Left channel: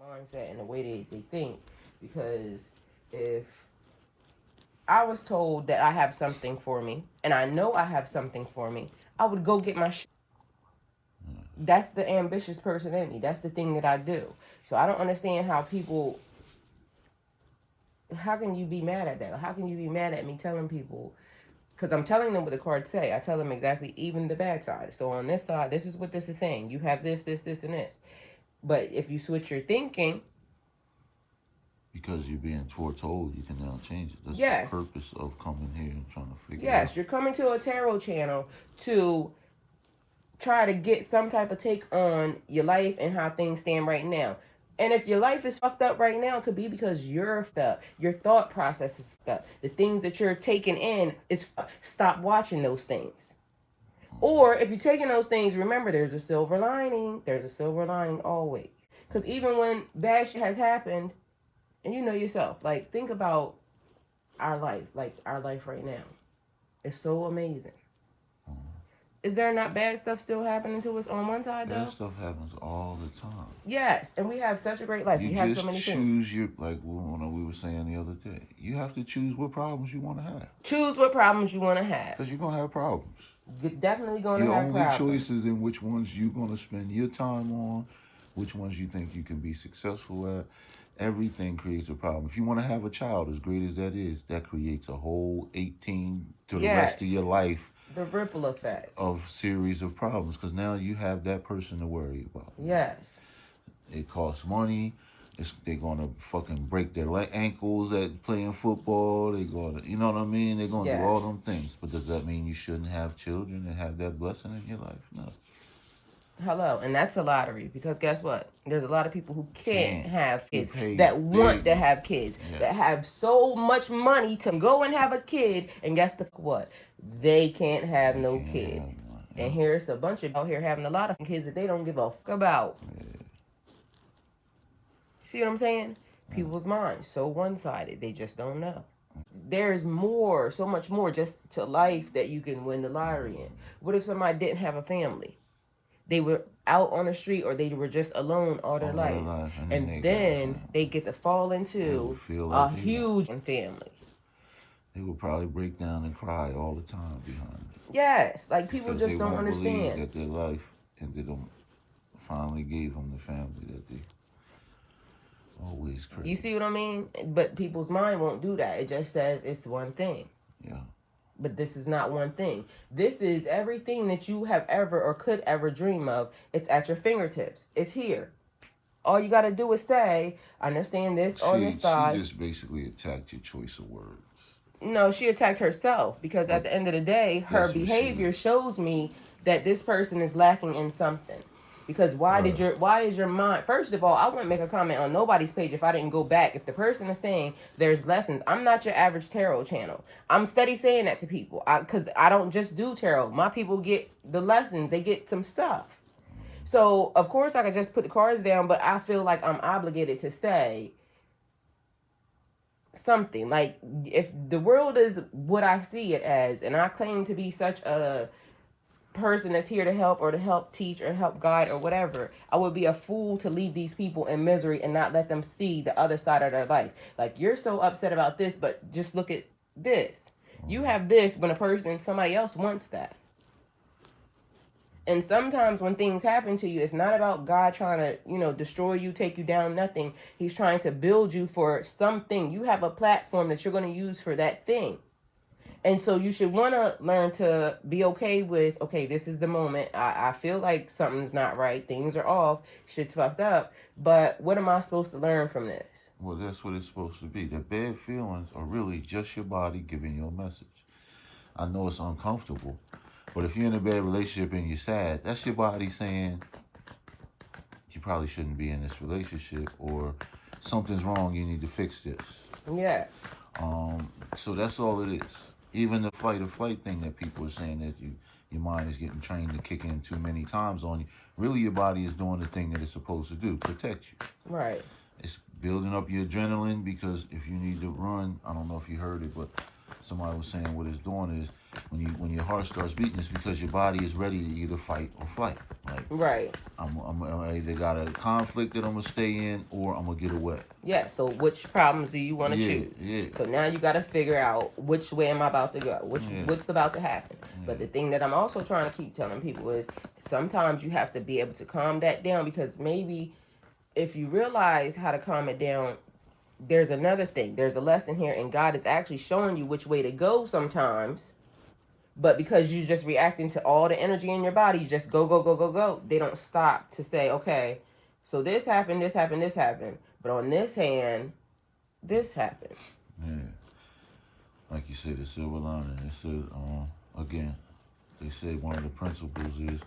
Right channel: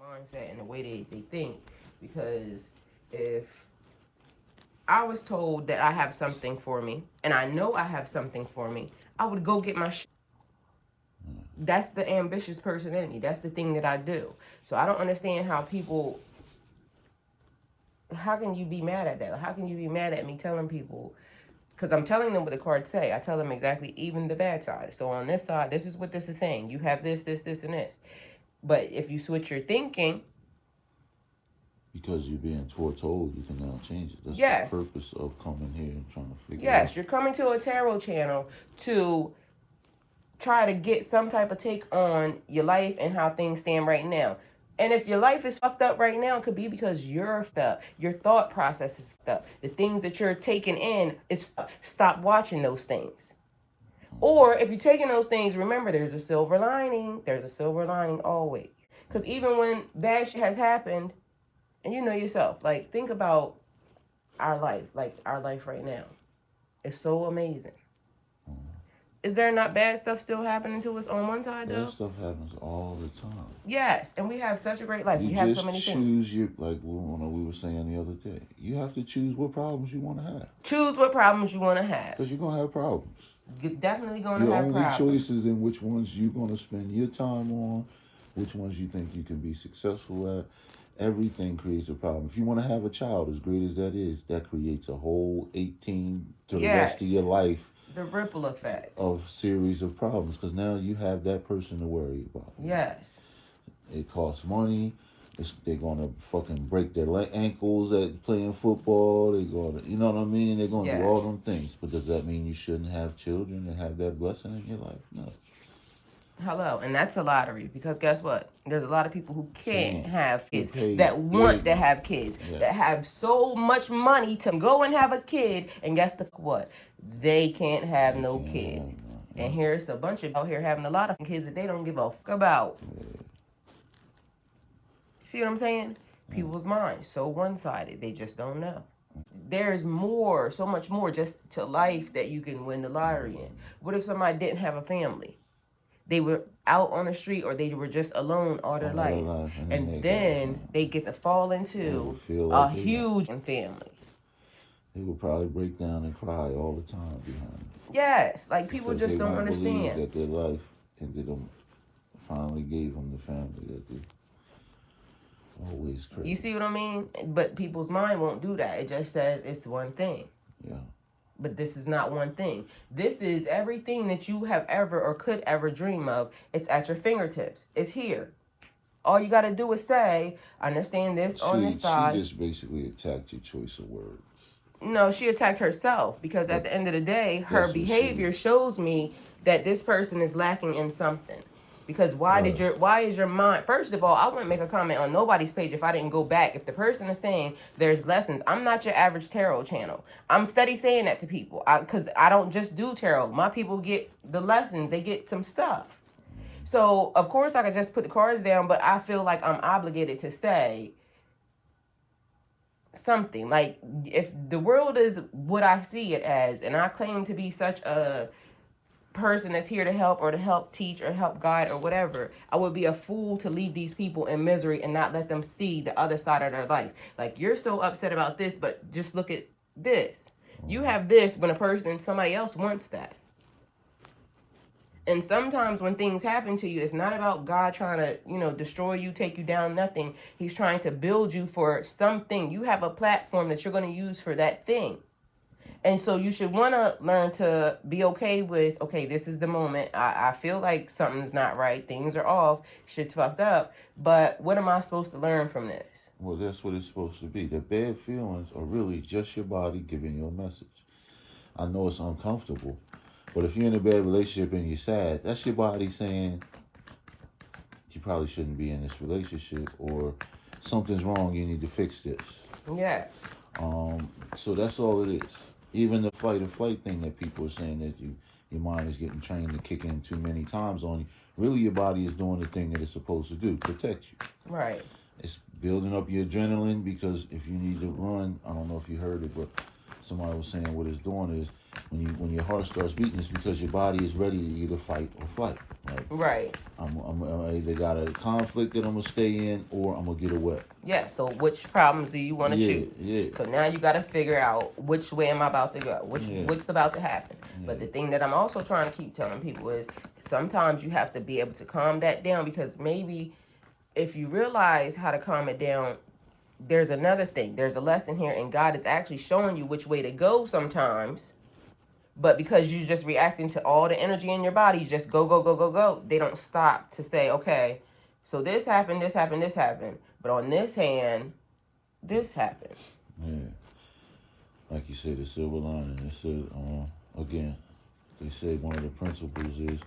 mindset and the way they think. Because if I was told that I have something for me, and I know I have something for me, I would go get my shit. That's the ambitious person in me. That's the thing that I do. So I don't understand how people, how can you be mad at that? How can you be mad at me telling people? Because I'm telling them what the cards say. I tell them exactly, even the bad side. So on this side, this is what this is saying. You have this, this, this, and this. But if you switch your thinking, because you're being foretold, you can now change it. That's yes, the purpose of coming here and trying to figure it out. Yes, you're coming to a tarot channel to try to get some type of take on your life and how things stand right now. And if your life is fucked up right now, it could be because you're fucked up. Your thought process is fucked up. The things that you're taking in is fucked. Stop watching those things. Or if you're taking those things, remember there's a silver lining. There's a silver lining always. Because even when bad shit has happened, and you know yourself, like think about our life right now. It's so amazing. Is there not bad stuff still happening to us on one side, though? Bad stuff happens all the time. Yes, and we have such a great life. You we have just so many choose your, like we were saying the other day, you have to choose what problems you want to have. Choose what problems you want to have. Because you're going to have problems. You're definitely going to have problems. Your only choice is in which ones you're going to spend your time on, which ones you think you can be successful at. Everything creates a problem. If you want to have a child, as great as that is, that creates a whole 18 to the rest of your life. The ripple effect. Of series of problems, because now you have that person to worry about. Yes. It costs money. They're going to fucking break their ankles at playing football. They're going to, you know what I mean? They're going to do all them things. But does that mean you shouldn't have children and have that blessing in your life? No. Hello, and that's a lottery, because guess what? There's a lot of people who can't have kids, that want to have kids, that have so much money to go and have a kid, and guess what? They can't have no kid. And here's a bunch of out here having a lot of kids that they don't give a fuck about. See what I'm saying? People's minds so one-sided, they just don't know. There's more, so much more just to life that you can win the lottery in. What if somebody didn't have a family? They were out on the street, or they were just alone all their life. And then they get to fall into a huge family. They would probably break down and cry all the time behind it. Yes, like people just don't understand that their life, and they don't finally gave them the family that they always crave. You see what I mean? But people's mind won't do that. It just says it's one thing. Yeah. But this is not one thing. This is everything that you have ever or could ever dream of. It's at your fingertips. It's here. All you got to do is say, I understand this on this side. She just basically attacked your choice of words. No, she attacked herself, because at the end of the day, her behavior shows me that this person is lacking in something. Because why is your mind, first of all, I wouldn't make a comment on nobody's page if I didn't go back. If the person is saying there's lessons, I'm not your average tarot channel. I'm steady saying that to people, because I don't just do tarot. My people get the lessons. They get some stuff. So, of course, I could just put the cards down, but I feel like I'm obligated to say something. Like, if the world is what I see it as, and I claim to be such a person that's here to help, or to help teach, or help guide, or whatever, I would be a fool to leave these people in misery and not let them see the other side of their life. Like, you're so upset about this, but just look at this. You have this when somebody else wants that. And sometimes when things happen to you, it's not about God trying to, destroy you, take you down, nothing. He's trying to build you for something. You have a platform that you're going to use for that thing. And so you should want to learn to be okay with, okay, this is the moment. I feel like something's not right. Things are off. Shit's fucked up. But what am I supposed to learn from this? Well, that's what it's supposed to be. The bad feelings are really just your body giving you a message. I know it's uncomfortable, but if you're in a bad relationship and you're sad, that's your body saying you probably shouldn't be in this relationship, or something's wrong, you need to fix this. Yes. So that's all it is. Even the fight or flight thing that people are saying that your mind is getting trained to kick in too many times on you, really your body is doing the thing that it's supposed to do, protect you. Right. It's building up your adrenaline, because if you need to run, I don't know if you heard it, but somebody was saying what it's doing is when your heart starts beating, it's because your body is ready to either fight or flight. Like, right. I'm either either got a conflict that I'm going to stay in or I'm going to get away. Yeah, so which problems do you want to choose? Yeah. So now you got to figure out which way am I about to go, what's about to happen. But the thing that I'm also trying to keep telling people is sometimes you have to be able to calm that down, because maybe if you realize how to calm it down, there's another thing. There's a lesson here, and God is actually showing you which way to go sometimes. But because you're just reacting to all the energy in your body, you just go, go, go, go, go. They don't stop to say, okay, so this happened, this happened, this happened. But on this hand, this happened. Yeah. Like you said, the silver lining. They said, again, they said one of the principles is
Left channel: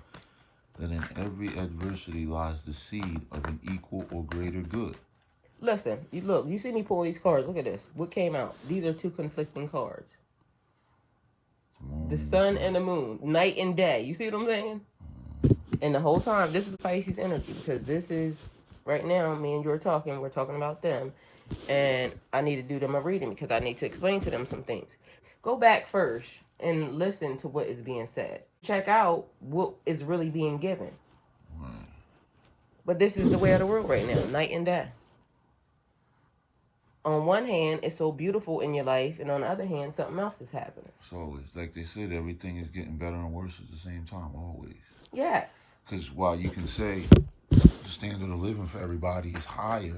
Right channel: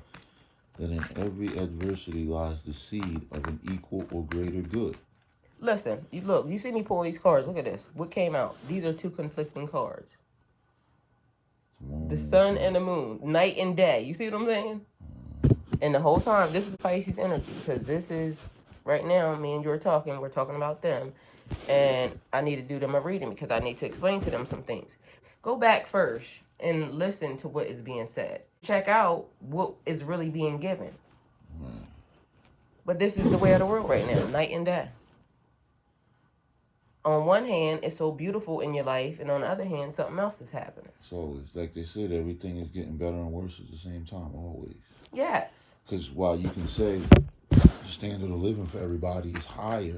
that in every adversity lies the seed of an equal or greater good. Listen, you see me pull these cards. Look at this. What came out? These are two conflicting cards. The sun and the moon, night and day. You see what I'm saying? And the whole time, this is Pisces energy, because this is, right now, me and you are talking, we're talking about them, and I need to do them a reading because I need to explain to them some things. Go back first and listen to what is being said. Check out what is really being given. But this is the way of the world right now, night and day. On one hand, it's so beautiful in your life, and on the other hand, something else is happening. It's always, like they said, everything is getting better and worse at the same time, always. Yes. Because while you can say the standard of living for everybody is higher,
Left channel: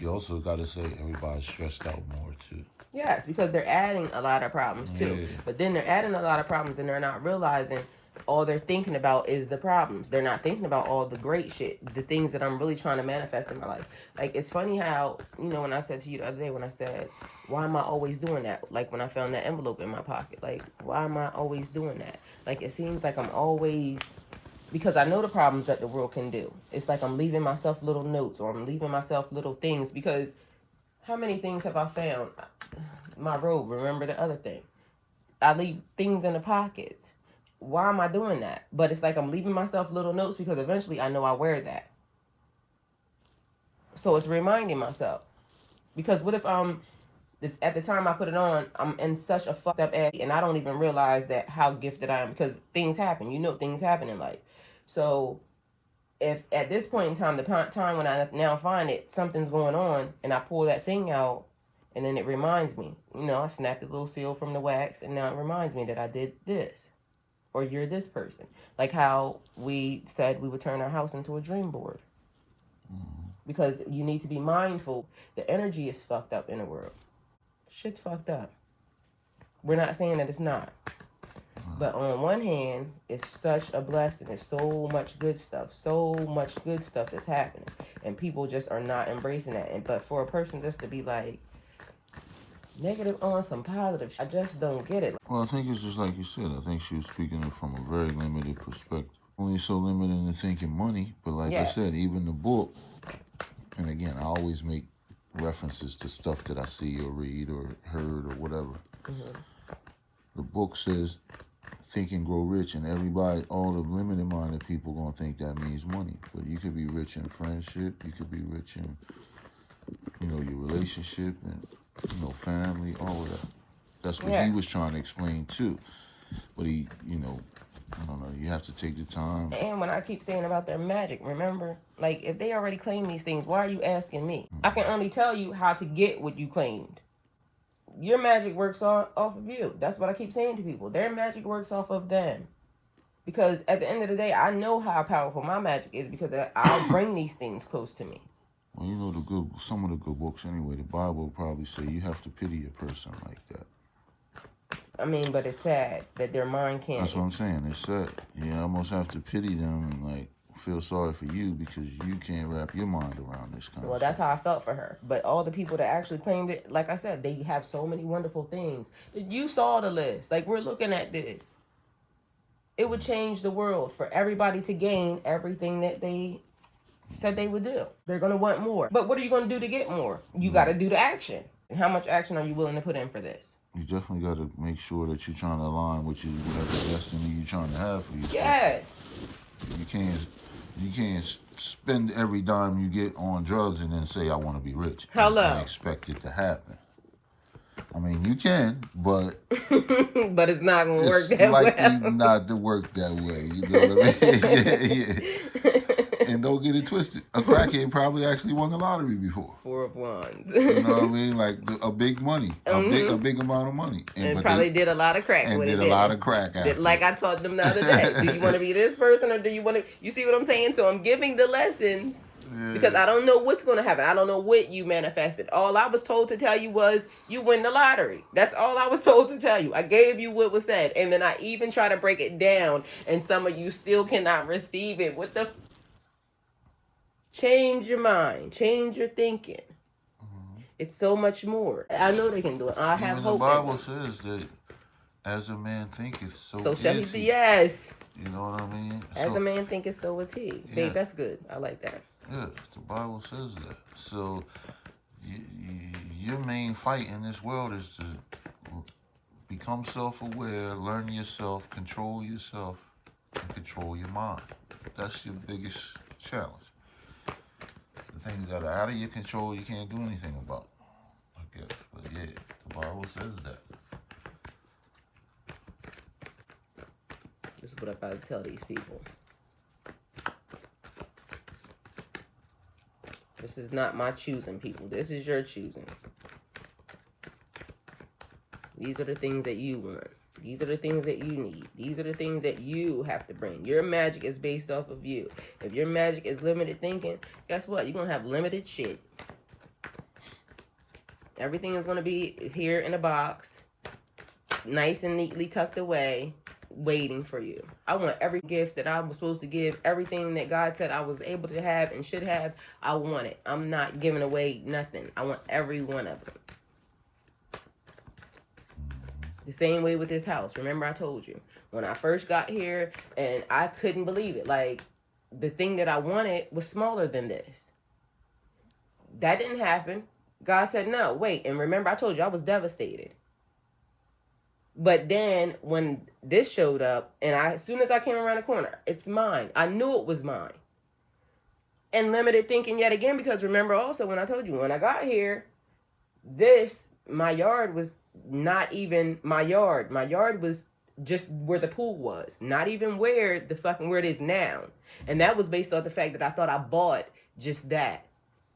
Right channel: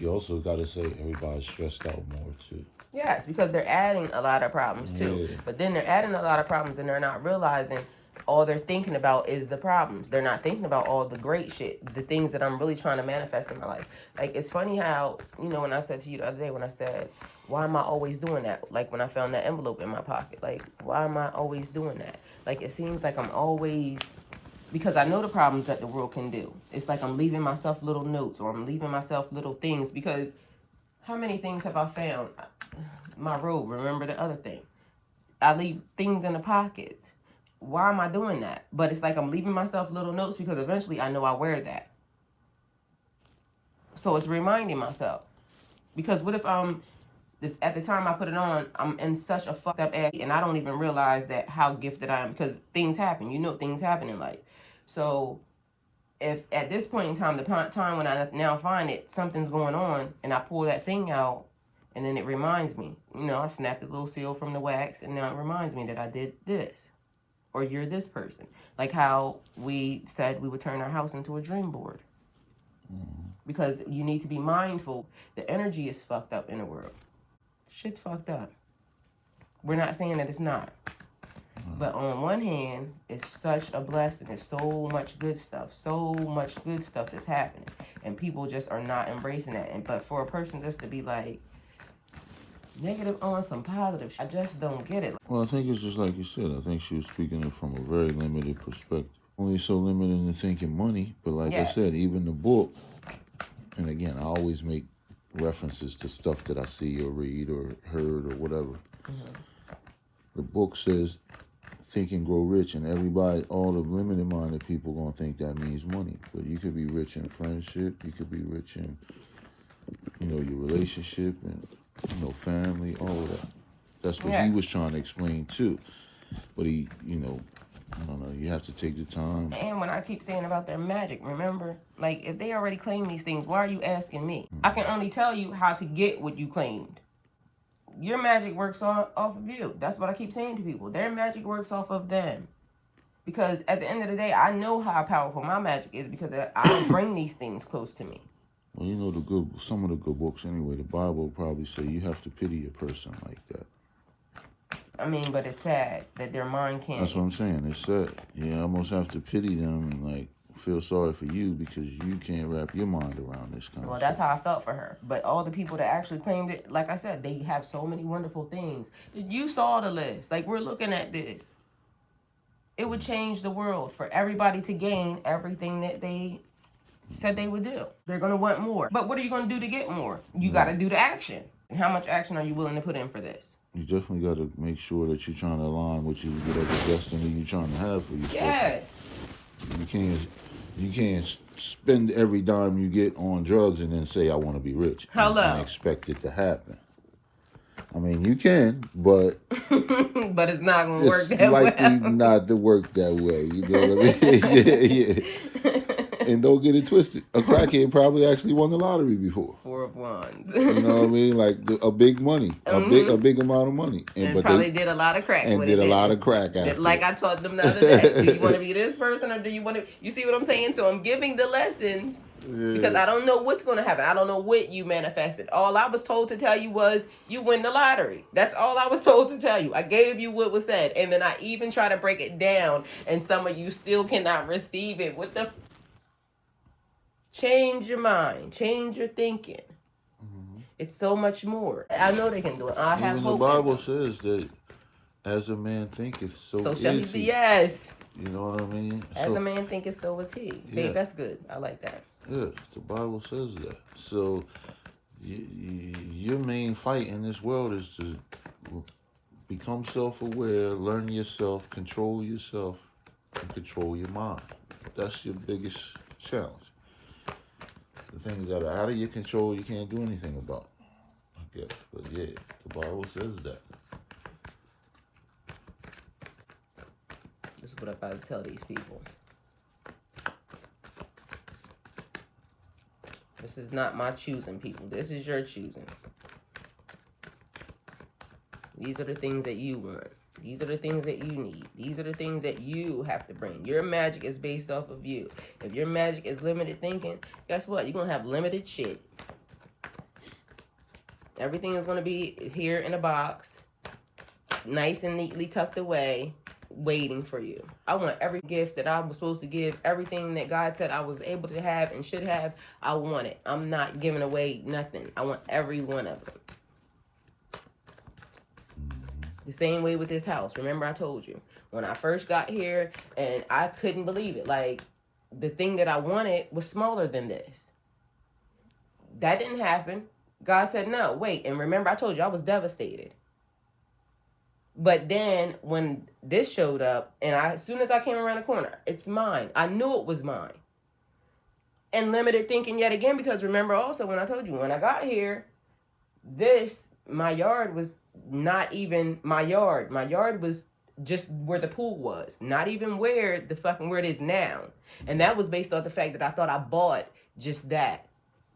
you also got to say everybody's stressed out more, too. Yes, because they're adding a lot of problems, too. Yeah. But then they're adding a lot of problems, and they're not realizing all they're thinking about is the problems. They're not thinking about all the great shit, the things that I'm really trying to manifest in my life. Like, it's funny how, when I said to you the other day, when I said, why am I always doing that? Like, when I found that envelope in my pocket, like, why am I always doing that? Like, it seems like I'm always, because I know the problems that the world can do. It's like I'm leaving myself little notes, or I'm leaving myself little things, because how many things have I found? My robe, remember the other thing. I leave things in the pockets. Why am I doing that? But it's like I'm leaving myself little notes because eventually I know I wear that. So it's reminding myself. Because what if at the time I put it on, I'm in such a fucked up ass and I don't even realize that how gifted I am, because things happen. Things happen in life. So if at this point in time, the time when I now find it, something's going on, and I pull that thing out, and then it reminds me, I snapped a little seal from the wax, and now it reminds me that I did this. Or you're this person. Like how we said we would turn our house into a dream board. Because you need to be mindful. The energy is fucked up in the world. Shit's fucked up. We're not saying that it's not. But on one hand, it's such a blessing. There's so much good stuff. So much good stuff that's happening. And people just are not embracing that. But for a person just to be like, negative on some positive, I just don't get it. Well, I think it's just like you said. I think she was speaking it from a very limited perspective. Only so limited in thinking money, but like I said, even the book, and again, I always make references to stuff that I see or read or heard or whatever. The book says, think and grow rich, and everybody, all the limited-minded people gonna think that means money. But you could be rich in friendship, you could be rich in, your relationship, and family, all of that. That's what he was trying to explain too. But he, I don't know, you have to take the time. And when I keep saying about their magic, remember, like, if they already claim these things, why are you asking me? I can only tell you how to get what you claimed. Your magic works off of you. That's what I keep saying to people. Their magic works off of them. Because at the end of the day, I know how powerful my magic is, because I bring these things close to me. Well, some of the good books anyway, the Bible will probably say you have to pity a person like that. I mean, but it's sad that their mind can't. That's what I'm saying. It's sad. You almost have to pity them and, like, feel sorry for you because you can't wrap your mind around this kind of stuff. Well, that's how I felt for her. But all the people that actually claimed it, like I said, they have so many wonderful things. You saw the list. Like, we're looking at this. It would change the world for everybody to gain everything that they said they would do. They're going to want more. But what are you going to do to get more? You got to do the action. And how much action are you willing to put in for this? You definitely got to make sure that you're trying to align with you with the destiny you're trying to have for yourself. Yes. You can't spend every dime you get on drugs and then say, I want to be rich. Hello. And expect it to happen. I mean, you can, but but it's not gonna work it's that likely well. not to work that way. You know what I mean? Yeah. And don't get it twisted. A crackhead probably actually won the lottery before. 4 of Wands. You know what I mean? Like a big money, a big amount of money, And probably did a lot of crack. And did a lot of crack after. Like I taught them the other day. Do you want to be this person, or do you want to? You see what I'm saying? So I'm giving the lessons. Yeah. Because I don't know what's going to happen. I don't know what you manifested. All I was told to tell you was you win the lottery. That's all I was told to tell you. I gave you what was said. And then I even try to break it down. And some of you still cannot receive it. What the? Change your mind. Change your thinking. Mm-hmm. It's so much more. I know they can do it. I have hope. The Bible says that as a man thinketh, so shall he be. Yes. You know what I mean? As a man thinketh, so is he. Yeah. Babe, that's good. I like that. Yeah, the Bible says that. So your main fight in this world is to become self-aware, learn yourself, and control your mind. That's your biggest challenge. The things that are out of your control, you can't do anything about. I guess. But yeah, the Bible says that. This is what I gotta tell these people. This is not my choosing, people. This is your choosing. These are the things that you want. These are the things that you need. These are the things that you have to bring. Your magic is based off of you. If your magic is limited thinking, guess what? You're going to have limited shit. Everything is going to be here in a box, nice and neatly tucked away, waiting for you. I want every gift that I was supposed to give, everything that God said I was able to have and should have, I want it. I'm not giving away nothing. I want every one of them. The same way with this house. Remember I told you, when I first got here and I couldn't believe it. Like, the thing that I wanted was smaller than this. That didn't happen. God said, no, wait. And remember I told you I was devastated. But then when this showed up, and as soon as I came around the corner, it's mine. I knew it was mine. And limited thinking yet again, because remember also when I told you, when I got here, my yard was not even my yard. My yard was just where the pool was. Not even where it is now. And that was based off the fact that I thought I bought just that.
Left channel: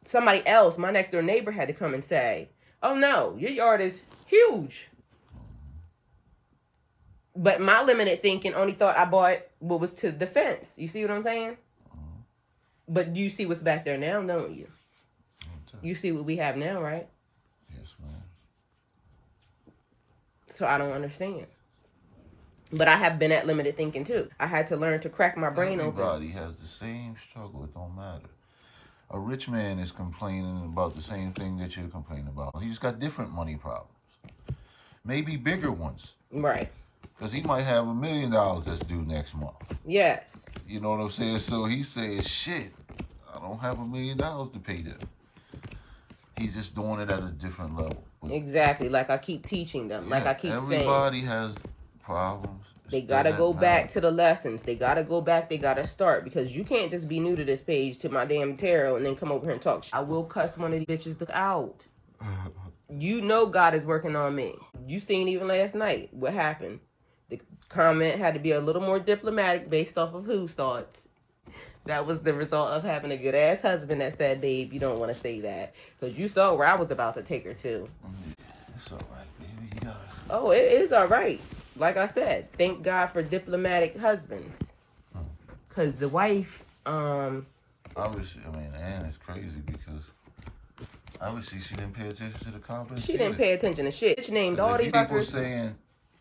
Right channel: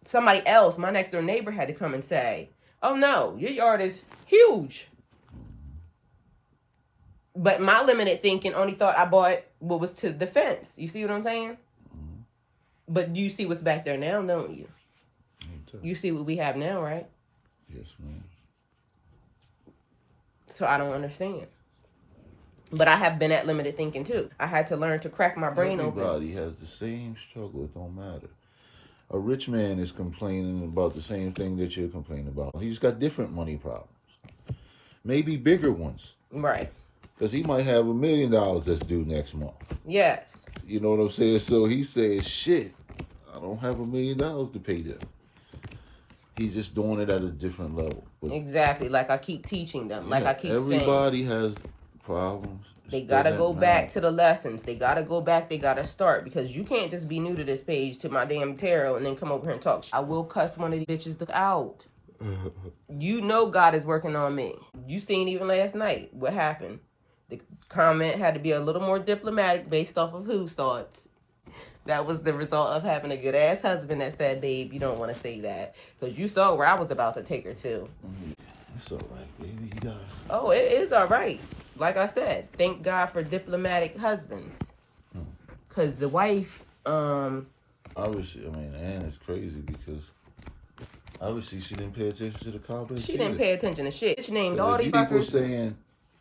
Somebody else, my next door neighbor, had to come and say, oh no, your yard is huge. But my limited thinking only thought I bought what was to the fence. You see what I'm saying? Mm-hmm. But you see what's back there now, don't you? You see what we have now, right? Yes, ma'am. So I don't understand. But I have been at limited thinking too. I had to learn to crack my brain open. Everybody has the same struggle. It don't matter. A rich man is complaining about the same thing that you're complaining about. He's got different money problems. Maybe bigger ones. Right. Because he might have $1 million that's due next month. Yes. You know what I'm saying? So he says, shit, I don't have $1 million to pay them. He's just doing it at a different level. But exactly. Like I keep teaching them. Yeah, like I keep saying. Everybody has problems. They got to go back to the lessons. They got to go back. They got to start. Because you can't just be new to this page, to my damn tarot, and then come over here and talk. I will cuss one of these bitches out. You know God is working on me. You seen even last night what happened. The comment had to be a little more diplomatic based off of whose thoughts. That was the result of having a good ass husband that said, babe, you don't want to say that. Because you saw where I was about to take her to. It's all right, baby. You got it. Oh, it is all right. Like I said, thank God for diplomatic husbands. Because the wife, obviously, Ann is crazy because obviously she didn't pay attention to the comments. She didn't pay attention to shit. She named all these people fuckers. Saying,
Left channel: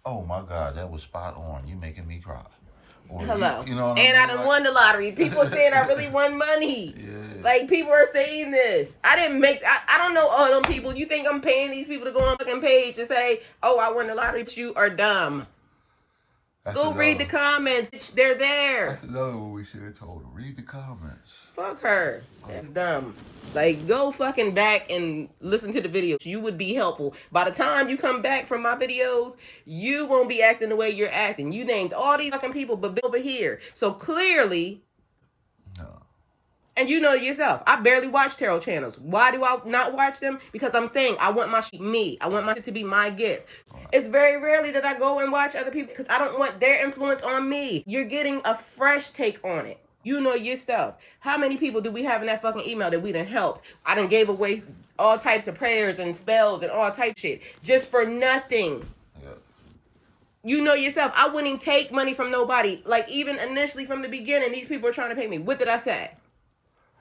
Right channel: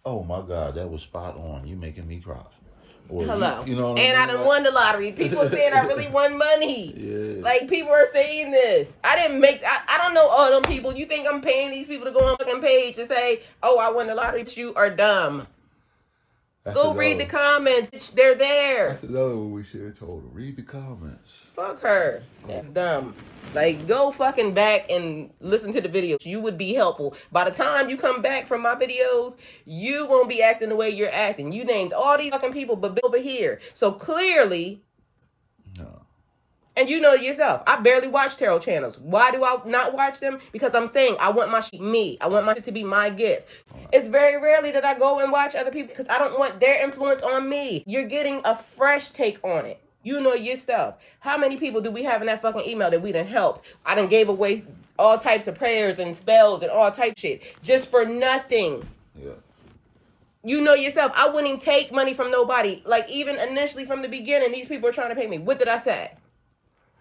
oh my God, that was spot on. You making me cry. Or, hello. You know what and I done won the lottery. People saying I really won money. Yeah. Like, people are saying this. I don't know all them people. You think I'm paying these people to go on fucking page to say, oh, I won the lottery, but you are dumb. Go read the comments. They're there. That's another one we should have told her. Read the comments. Fuck her. That's dumb. Like, go fucking back and listen to the videos. You would be helpful. By the time you come back from my videos, you won't be acting the way you're acting. You named all these fucking people, but over here. So clearly, no. And you know yourself, I barely watch tarot channels. Why do I not watch them? Because I'm saying I want my shit me. I want my shit to be my gift. It's very rarely that I go and watch other people because I don't want their influence on me. You're getting a fresh take on it. You know yourself. How many people do we have in that fucking email that we done helped? I done gave away all types of prayers and spells and all type shit just for nothing. Yeah. You know yourself. I wouldn't take money from nobody. Like, even initially from the beginning, these people are trying to pay me. What did I say?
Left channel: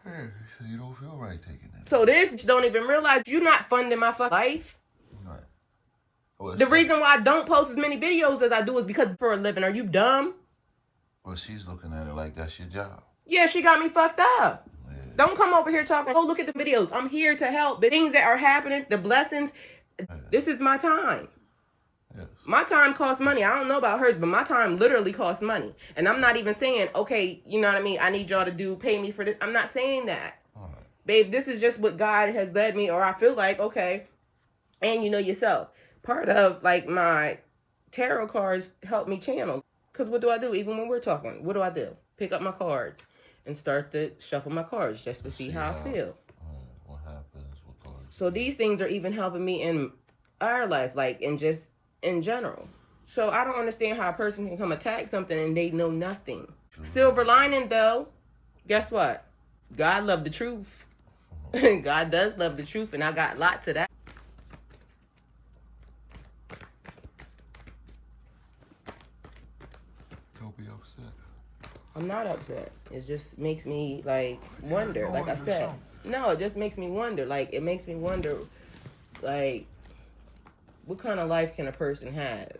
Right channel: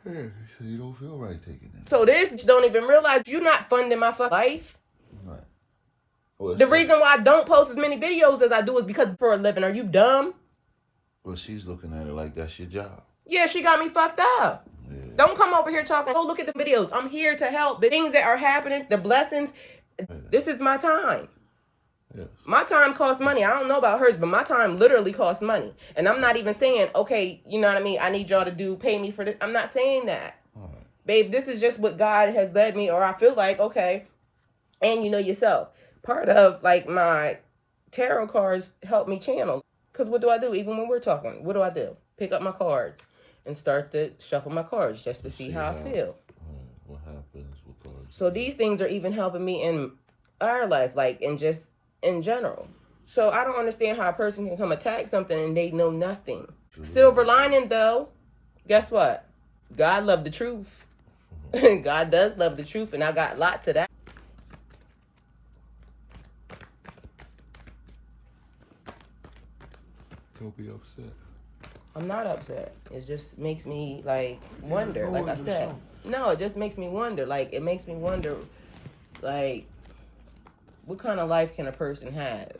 Yeah, you said you don't feel right taking that. So this don't even realize you're not funding my fucking life. Right. Oh, The reason why I don't post as many videos as I do is because for a living. Are you dumb? Well, she's looking at it like that's your job. Yeah, she got me fucked up. Yeah. Don't come over here talking, oh, look at the videos. I'm here to help. The things that are happening, the blessings, this is my time. Yes. My time costs money. I don't know about hers, but my time literally costs money. And I'm not even saying, okay, you know what I mean? I need y'all to pay me for this. I'm not saying that. All right. Babe, this is just what God has led me, or I feel like, okay. And you know yourself. Part of, like, my tarot cards help me channel. Because what do? Even when we're talking, what do? Pick up my cards and start to shuffle my cards just to see how I feel. What happens with cards? So these things are even helping me in our life, like, and just in general. So I don't understand how a person can come attack something and they know nothing. Silver lining, though, guess what? God loved the truth. God does love the truth, and I got lots of that. Don't be upset. I'm not upset. It just makes me, like, wonder. Like I said, no, it just makes me wonder. Like, it makes me wonder, like, what kind of life can a person have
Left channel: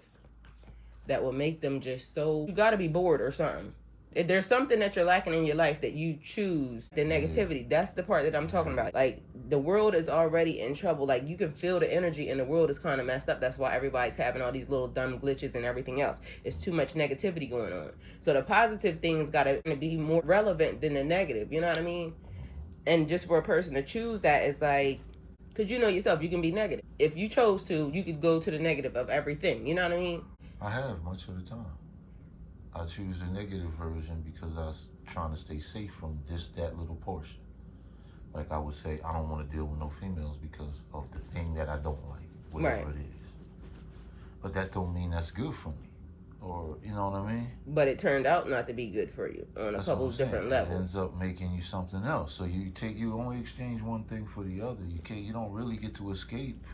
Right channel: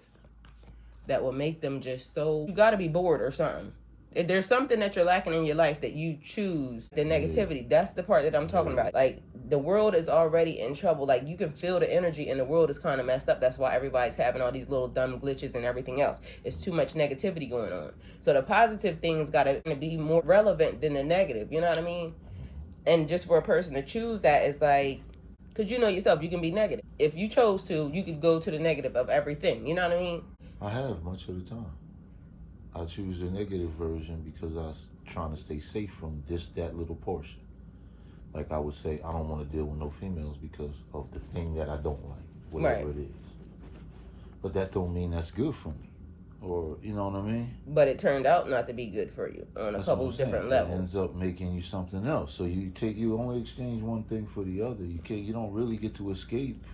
that will make them just so... You gotta be bored or something. If there's something that you're lacking in your life that you choose, the negativity, that's the part that I'm talking about. Like, the world is already in trouble. Like, you can feel the energy and the world is kind of messed up. That's why everybody's having all these little dumb glitches and everything else. It's too much negativity going on. So the positive things gotta be more relevant than the negative, you know what I mean? And just for a person to choose that is like... Because you know yourself, you can be negative. If you chose to, you could go to the negative of everything. You know what I mean? I have much of the time. I choose the negative version because I was trying to stay safe from that little portion. Like I would say, I don't want to deal with no females because of the thing that I don't like, whatever it is. But that don't mean that's good for me. Or, you know what I mean? But it turned out not to be good for you on a couple of different levels. It ends up making you something else. So you only exchange one thing for the other. You don't really get to escape.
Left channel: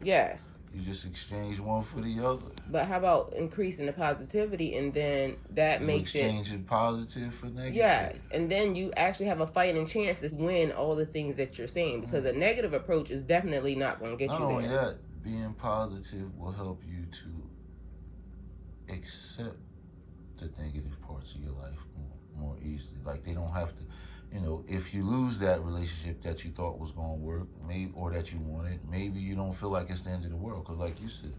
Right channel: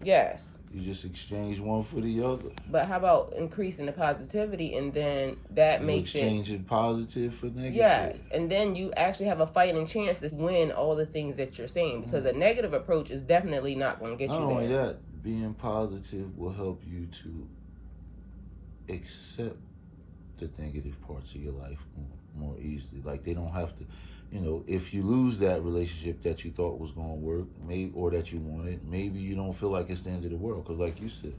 Yes. You just exchange one for the other. But how about increasing the positivity, and then that makes it... Exchanging positive for negative. Yes, and then you actually have a fighting chance to win all the things that you're saying, because a negative approach is definitely not going to get you there. Not only that, being positive will help you to accept the negative parts of your life more easily. Like, they don't have to... if you lose that relationship that you thought was going to work, or that you wanted, maybe you don't feel like it's the end of the world. Because like you said,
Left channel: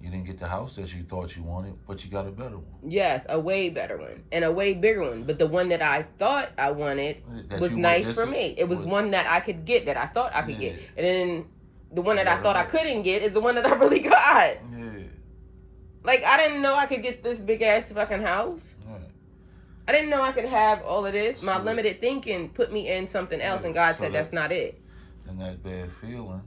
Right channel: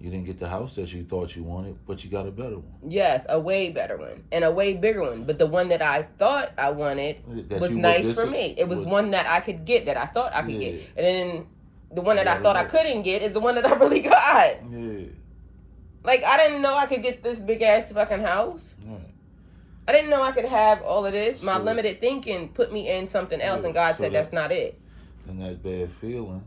you didn't get the house that you thought you wanted, but you got a better one. Yes, a way better one. And a way bigger one. But the one that I thought I wanted was nice for me. It was one that I could get, that I thought I could get. And then the one that I thought I couldn't get is the one that I really got. Yeah. Like, I didn't know I could get this big-ass fucking house. Yeah. I didn't know I could have all of this. My limited thinking put me in something else, and God said that's not it. And that bad feeling,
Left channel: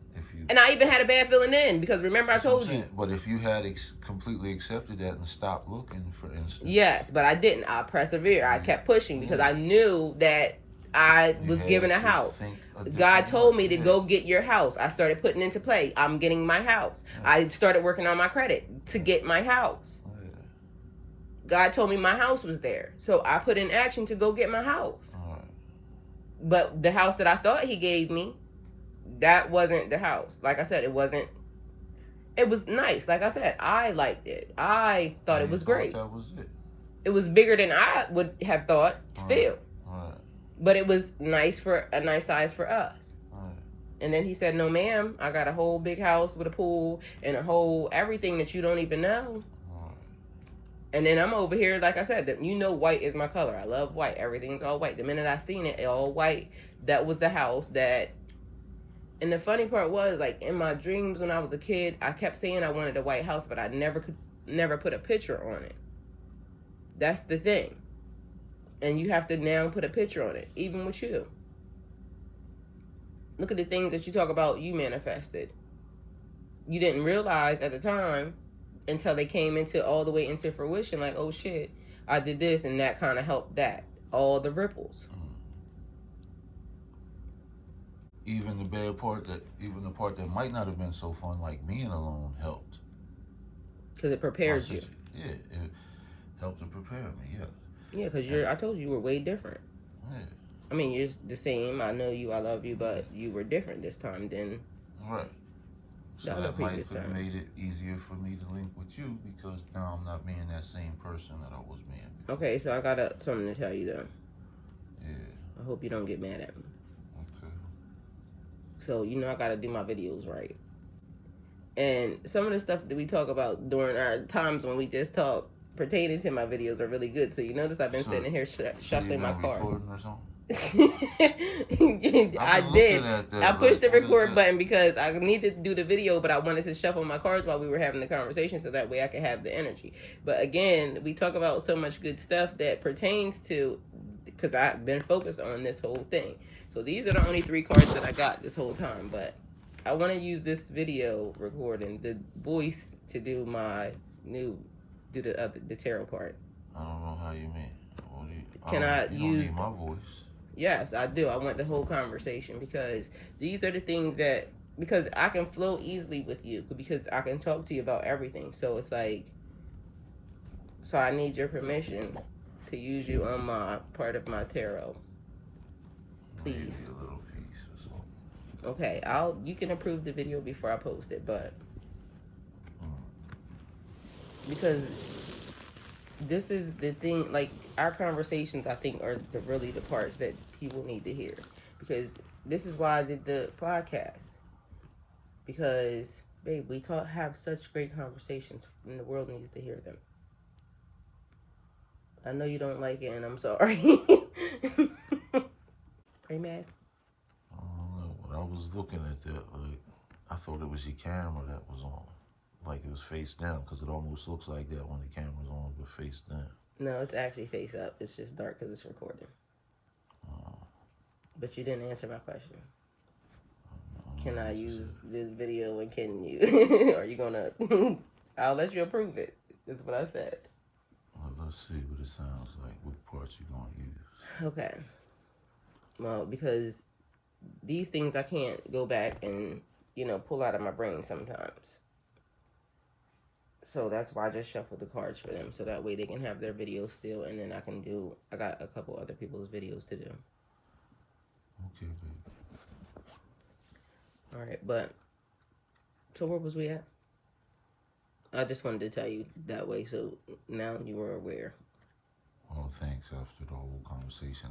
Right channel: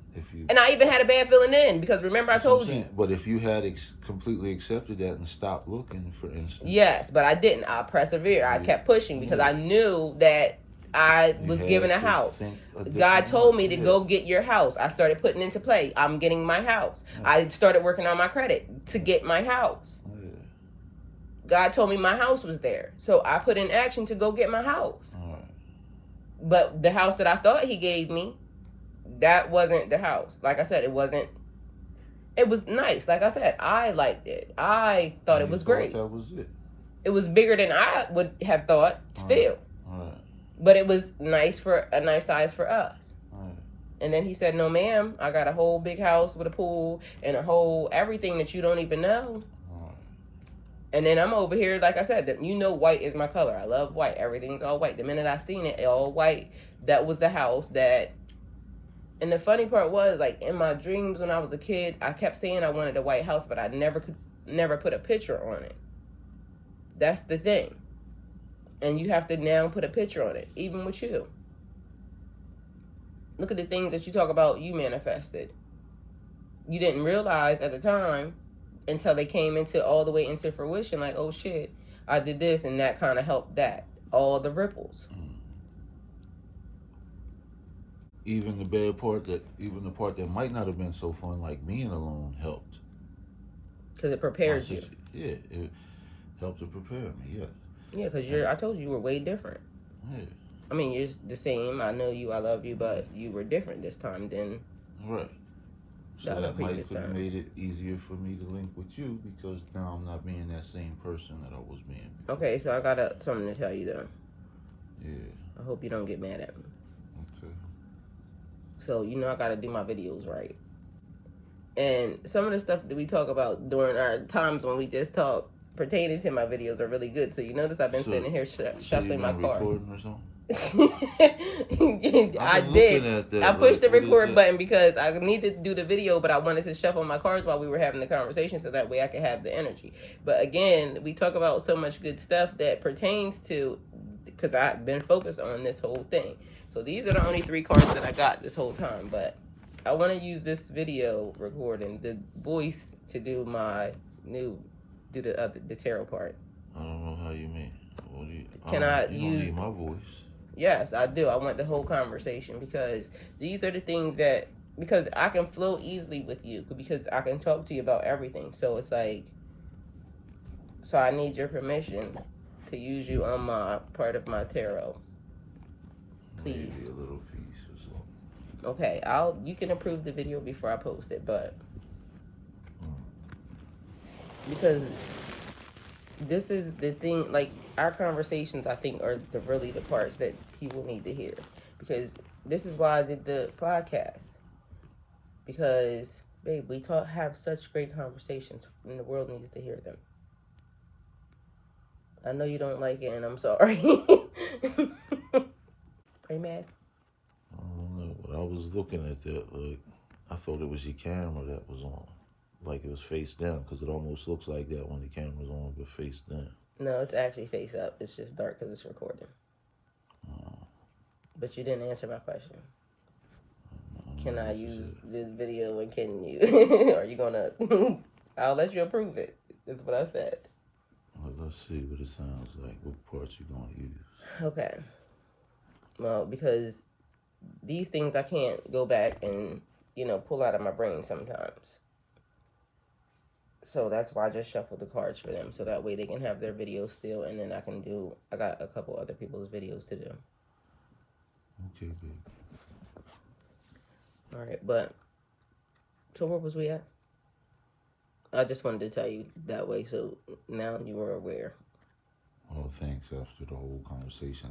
and I even had a bad feeling then, because remember I told you. But if you had completely accepted that and stopped looking, for instance. Yes, but I didn't. I persevered. I kept pushing because I knew that I was given a house. God told me to go get your house. I started putting into play. I'm getting my house. I started working on my credit to get my house. God told me my house was there. So I put in action to go get my house. But the house that I thought he gave me, that wasn't the house. Like I said, it wasn't. It was nice. Like I said, I liked it. I thought it was great. That was it. It was bigger than I would have thought still. But it was nice, for a nice size for us. And then he said, no ma'am, I got a whole big house with a pool and a whole everything that you don't even know. And then I'm over here, like I said, white is my color. I love white. Everything's all white. The minute I seen it all white, that was the house that... And the funny part was, like, in my dreams when I was a kid, I kept saying I wanted a white house, but I never put a picture on it. That's the thing. And you have to now put a picture on it, even with you. Look at the things that you talk about you manifested. You didn't realize at the time until they came into all the way into fruition, like, oh shit, I did this and that kind of helped that. All the ripples. Even the part that might not have been so fun, like being alone, helped. Because it prepares you. Yeah, it helped to prepare me, yeah. Yeah, because I told you were way different. Yeah. I mean, you're the same. I know you, I love you, but you were different this time than right. So that might have made it easier for me to link with you because now I'm not being that same person that I was being before. Okay, so I got something to tell you though. Yeah. I hope you don't get mad at me. Okay. So, you know I gotta do my videos right. And some of the stuff that we talk about during our times when we just talk pertaining to my videos are really good. So you notice I've been sitting here shuffling my car. Recording or something? I did. I pushed the record button because I needed to do the video, but I wanted to shuffle my cards while we were having the conversation so that way I could have the energy. But again, we talk about so much good stuff that pertains to, because I've been focused on this whole thing. So these are the only 3 cards that I got this whole time, but I want to use this video recording, the voice, to do my the tarot part. I don't know how you mean. Can I use? You don't need my voice. Yes, I do. I want the whole conversation because these are the things that, because I can flow easily with you because I can talk to you about everything. So it's like, so I need your permission to use you on my part of my tarot. Please. Maybe a little piece or something. Okay, you can approve the video before I post it, but because this is the thing, like, our conversations, I think, are really the parts that people need to hear. Because this is why I did the podcast. Because, babe, we have such great conversations, and the world needs to hear them. I know you don't like it, and I'm sorry. Are you mad? I don't know, but I was looking at that, like, I thought it was your camera that was on. Like it was face down, because it almost looks like that when the camera's on, but face down. No, it's actually face up. It's just dark because it's recording. But you didn't answer my question. Can I use this video and can you? Are you gonna? I'll let you approve it. That's what I said. Well, let's see what it sounds like. What parts you gonna use? Okay. Well, because these things I can't go back and pull out of my brain sometimes. So that's why I just shuffled the cards for them, so that way they can have their videos still, and then I got a couple other people's videos to do. Okay, good. All right, but, so where was we at? I just wanted to tell you that way, so now you were aware. Oh, thanks, after the whole conversation.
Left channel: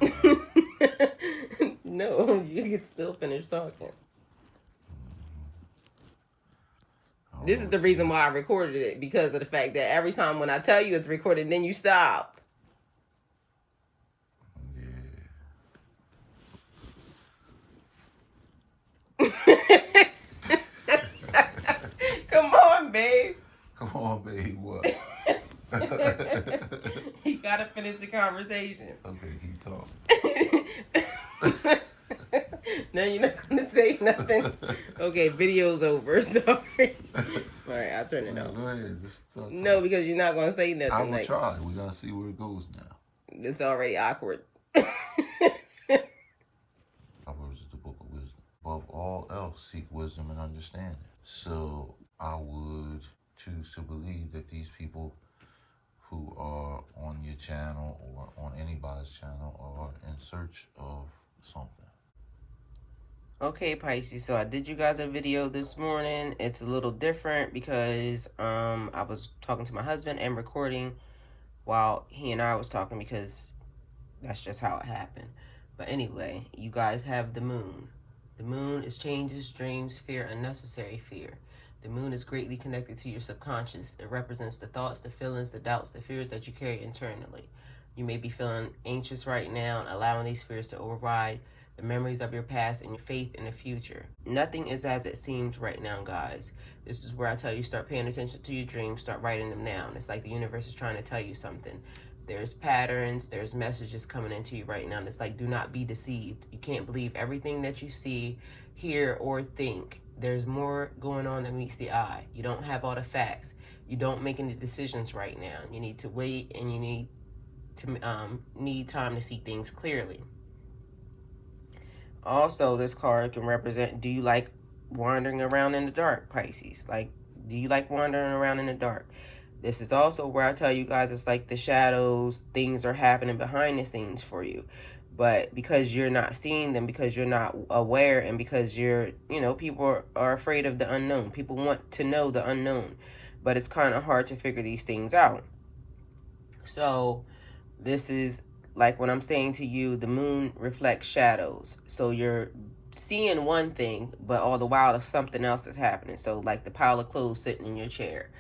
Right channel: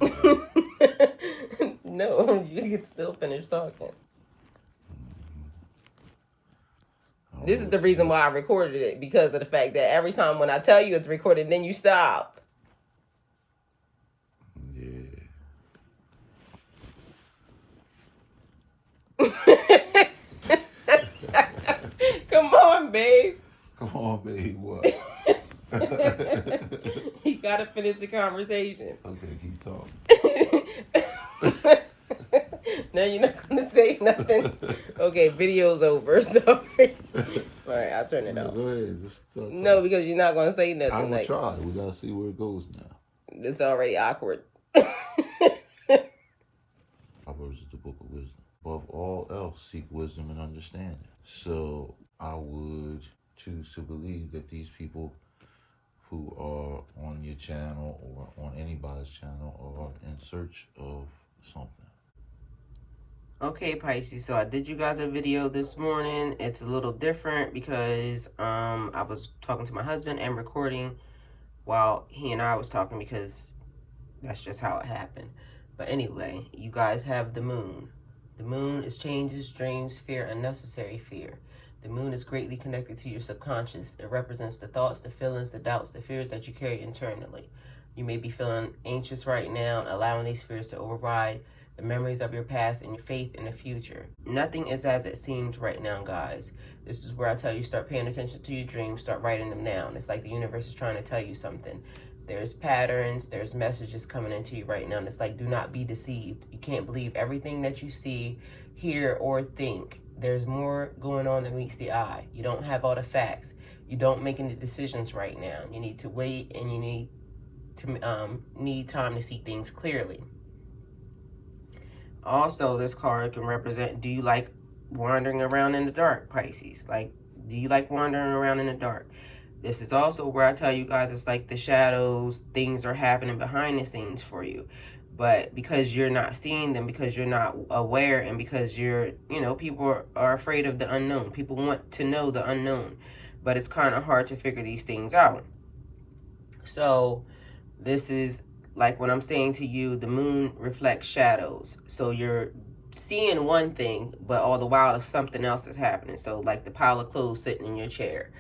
No, you can still finish talking. This is the reason why I recorded it, because of the fact that every time when I tell you it's recorded, then you stop. Yeah. Come on, babe. Come on, babe, what? You gotta finish the conversation. Okay, keep talking. Now you're not gonna say nothing. Okay, video's over. Sorry. All right, I'll turn it off. Go ahead. Just talk. No, because you're not gonna say nothing. I'm gonna try. We gotta see where it goes now. It's already awkward. Proverbs is the book of wisdom. Above all else, seek wisdom and understanding. So I would choose to believe that these people who are on your channel or on anybody's channel are in search of something. Okay, Pisces, so I did you guys a video this morning. It's a little different because I was talking to my husband and recording while he and I was talking, because that's just how it happened. But anyway, you guys have the moon. The moon is changes, dreams, fear, unnecessary fear. The moon is greatly connected to your subconscious. It represents the thoughts, the feelings, the doubts, the fears that you carry internally. You may be feeling anxious right now, allowing these fears to override the memories of your past and your faith in the future. Nothing is as it seems right now, guys. This is where I tell you, start paying attention to your dreams, start writing them down. It's like the universe is trying to tell you something. There's patterns, there's messages coming into you right now. And it's like, do not be deceived. You can't believe everything that you see, hear, or think. There's more going on than meets the eye. You don't have all the facts. You don't make any decisions right now. You need to wait, and you need time to see things clearly. Also, this card can represent, do you like wandering around in the dark, Pisces? Like, do you like wandering around in the dark? This is also where I tell you guys, it's like the shadows, things are happening behind the scenes for you. But because you're not seeing them, because you're not aware, and because you're, people are afraid of the unknown. People want to know the unknown, but it's kind of hard to figure these things out. So this is like when I'm saying to you, the moon reflects shadows. So you're seeing one thing, but all the while something else is happening. So like the pile of clothes sitting in your chair.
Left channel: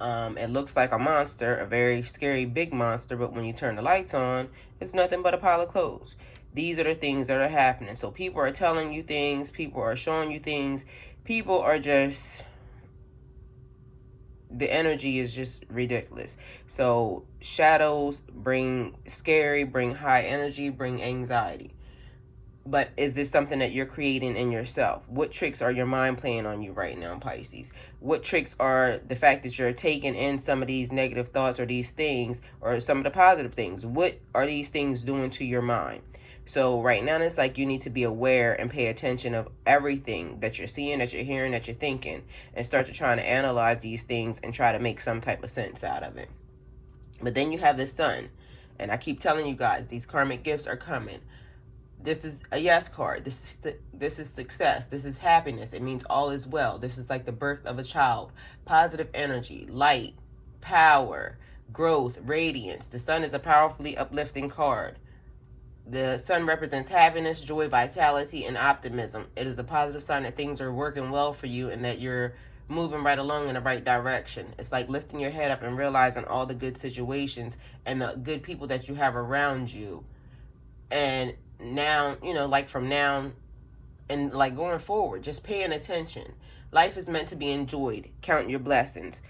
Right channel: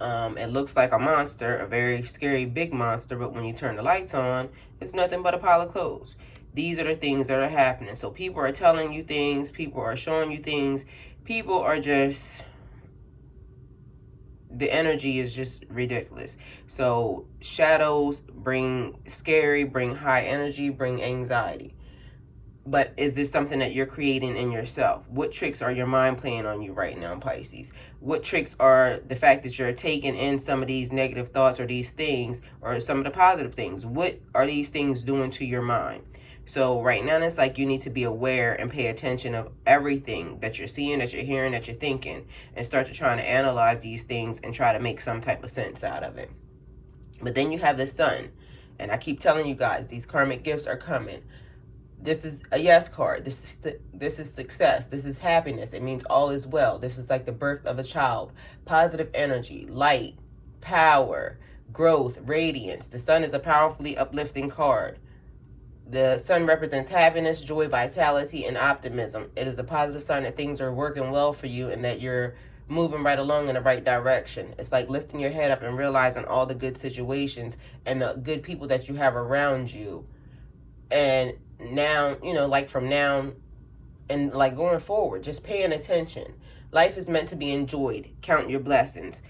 It looks like a monster, a very scary big monster, but when you turn the lights on, it's nothing but a pile of clothes. These are the things that are happening. So people are telling you things, people are showing you things, people are just, the energy is just ridiculous. So shadows bring scary, bring high energy, bring anxiety. But is this something that you're creating in yourself? What tricks are your mind playing on you right now, Pisces? What tricks are the fact that you're taking in some of these negative thoughts or these things, or some of the positive things? What are these things doing to your mind? So right now, it's like you need to be aware and pay attention of everything that you're seeing, that you're hearing, that you're thinking, and start to try to analyze these things and try to make some type of sense out of it. But then you have the sun. And I keep telling you guys, these karmic gifts are coming. This is a yes card. This is success. This is happiness. It means all is well. This is like the birth of a child. Positive energy, light, power, growth, radiance. The sun is a powerfully uplifting card. The sun represents happiness, joy, vitality, and optimism. It is a positive sign that things are working well for you and that you're moving right along in the right direction. It's like lifting your head up and realizing all the good situations and the good people that you have around you. And now, like from now and like going forward, just paying attention. Life is meant to be enjoyed. Count your blessings.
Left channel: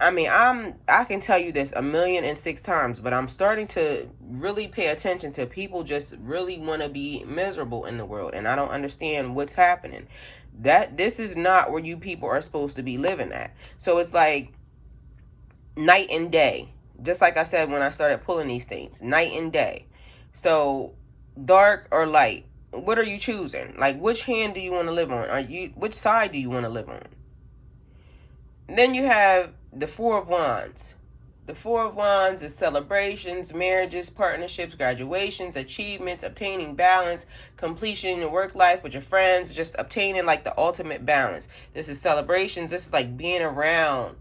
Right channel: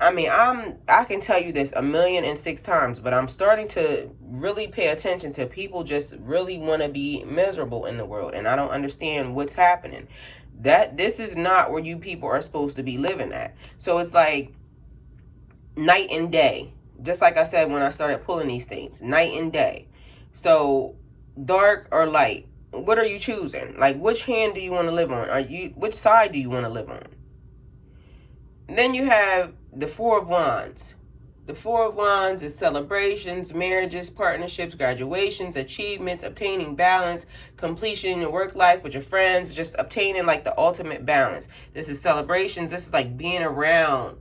I mean, I can tell you this 1,000,006 times, but I'm starting to really pay attention to people just really want to be miserable in the world, and I don't understand what's happening. This is not where you people are supposed to be living at. So it's like night and day. Just like I said when I started pulling these things, night and day. So dark or light, what are you choosing? Like, which hand do you want to live on? Which side do you want to live on? And then you have the Four of Wands. The Four of Wands is celebrations, marriages, partnerships, graduations, achievements, obtaining balance, completion in your work life with your friends, just obtaining like the ultimate balance. This is celebrations. This is like being around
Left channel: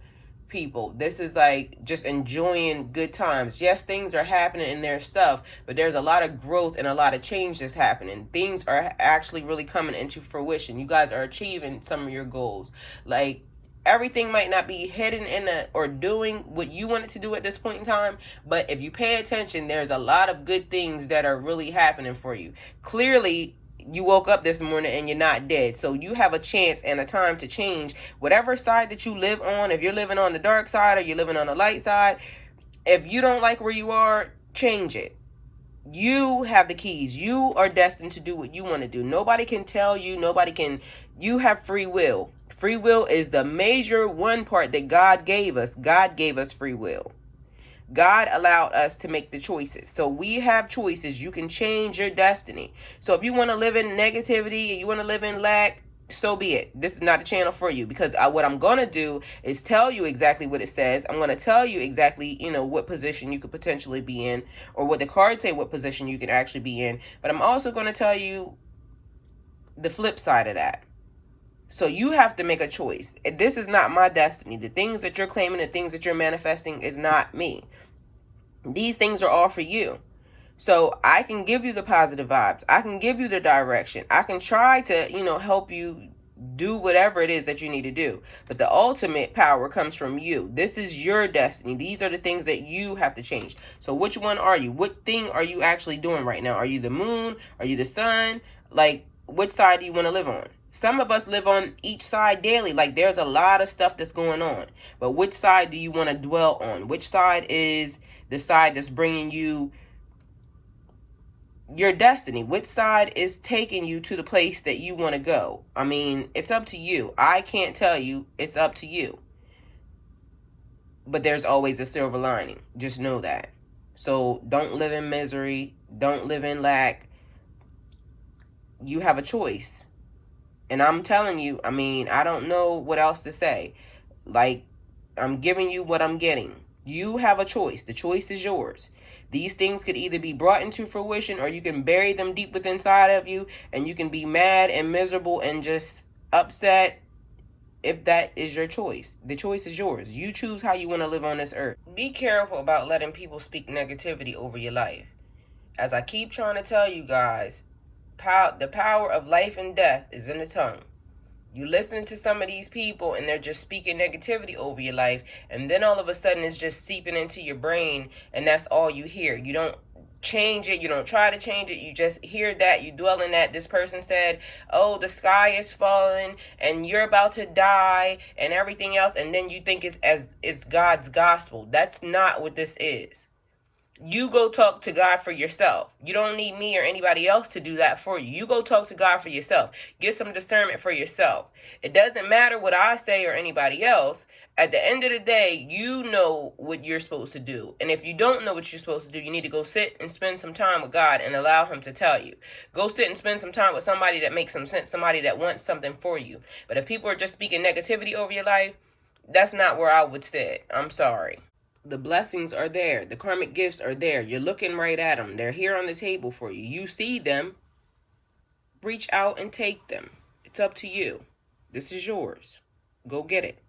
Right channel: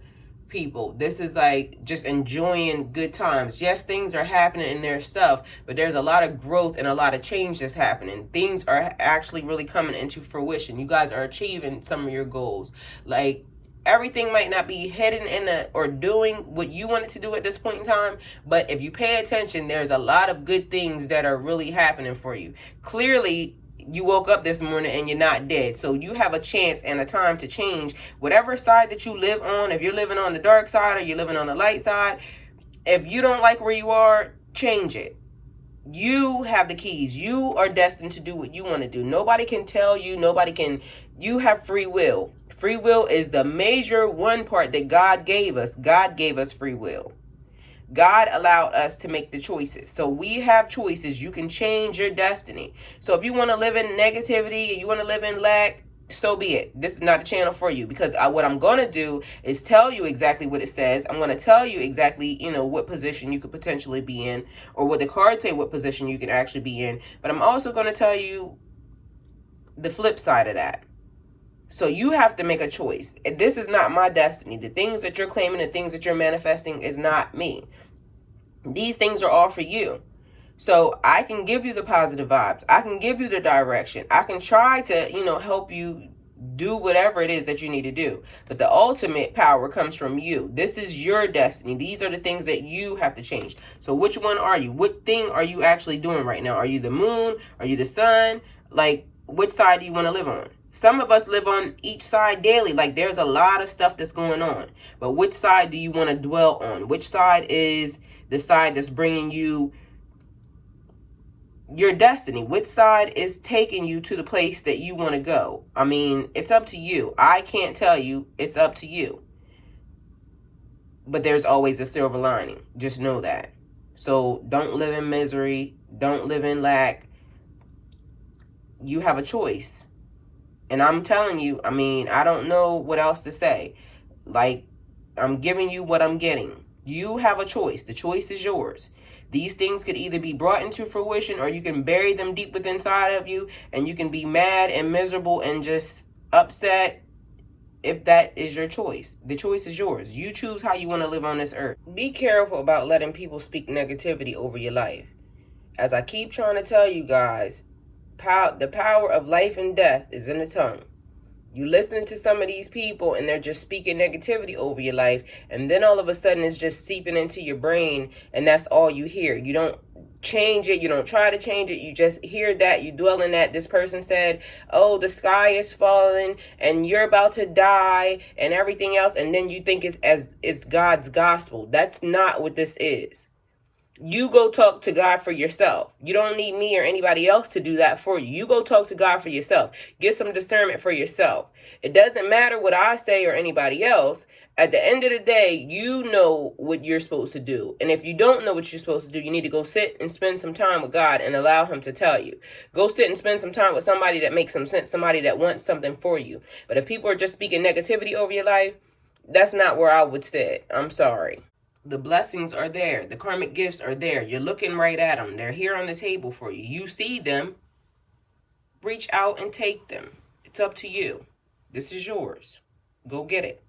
people. This is like just enjoying good times. Yes, things are happening and there's stuff, but there's a lot of growth and a lot of change that's happening. Things are actually really coming into fruition. You guys are achieving some of your goals. Like, everything might not be heading in or doing what you wanted to do at this point in time, but if you pay attention, there's a lot of good things that are really happening for you. Clearly, you woke up this morning and you're not dead. So you have a chance and a time to change whatever side that you live on. If you're living on the dark side or you're living on the light side, if you don't like where you are, change it. You have the keys. You are destined to do what you want to do. Nobody can tell you. You have free will. Free will is the major one part that God gave us. God gave us free will. God allowed us to make the choices. So we have choices. You can change your destiny. So if you want to live in negativity, you want to live in lack, so be it. This is not a channel for you, because what I'm going to do is tell you exactly what it says. I'm going to tell you exactly, what position you could potentially be in, or what the cards say what position you can actually be in. But I'm also going to tell you the flip side of that. So you have to make a choice. This is not my destiny. The things that you're claiming, the things that you're manifesting is not me. These things are all for you. So I can give you the positive vibes. I can give you the direction. I can try to, help you do whatever it is that you need to do. But the ultimate power comes from you. This is your destiny. These are the things that you have to change. So which one are you? What thing are you actually doing right now? Are you the moon? Are you the sun? Like, which side do you want to live on? Some of us live on each side daily. Like, there's a lot of stuff that's going on. But which side do you want to dwell on? Which side is the side that's bringing you your destiny? Which side is taking you to the place that you want to go? I mean, it's up to you. I can't tell you. It's up to you. But there's always a silver lining. Just know that. So don't live in misery. Don't live in lack. You have a choice. And I'm telling you, I mean, I don't know what else to say. Like, I'm giving you what I'm getting. You have a choice. The choice is yours. These things could either be brought into fruition, or you can bury them deep within inside of you, and you can be mad and miserable and just upset. If that is your choice, the choice is yours. You choose how you want to live on this earth. Be careful about letting people speak negativity over your life. As I keep trying to tell you guys, the power of life and death is in the tongue. You listening to some of these people and they're just speaking negativity over your life, and then all of a sudden it's just seeping into your brain, and that's all you hear. You don't change it. You don't try to change it. You just hear that. You dwell in that. This person said, oh, the sky is falling and you're about to die and everything else, and then you think it's God's gospel. That's not what this is. You go talk to God for yourself. You don't need me or anybody else to do that for you. You go talk to God for yourself. Get some discernment for yourself. It doesn't matter what I say or anybody else. At the end of the day, you know what you're supposed to do. And if you don't know what you're supposed to do, you need to go sit and spend some time with God and allow him to tell you. Go sit and spend some time with somebody that makes some sense, somebody that wants something for you. But if people are just speaking negativity over your life, that's not where I would sit. I'm sorry. The blessings are there. The karmic gifts are there. You're looking right at them. They're here on the table for you. You see them. Reach out and take them. It's up to you. This is yours. Go get it.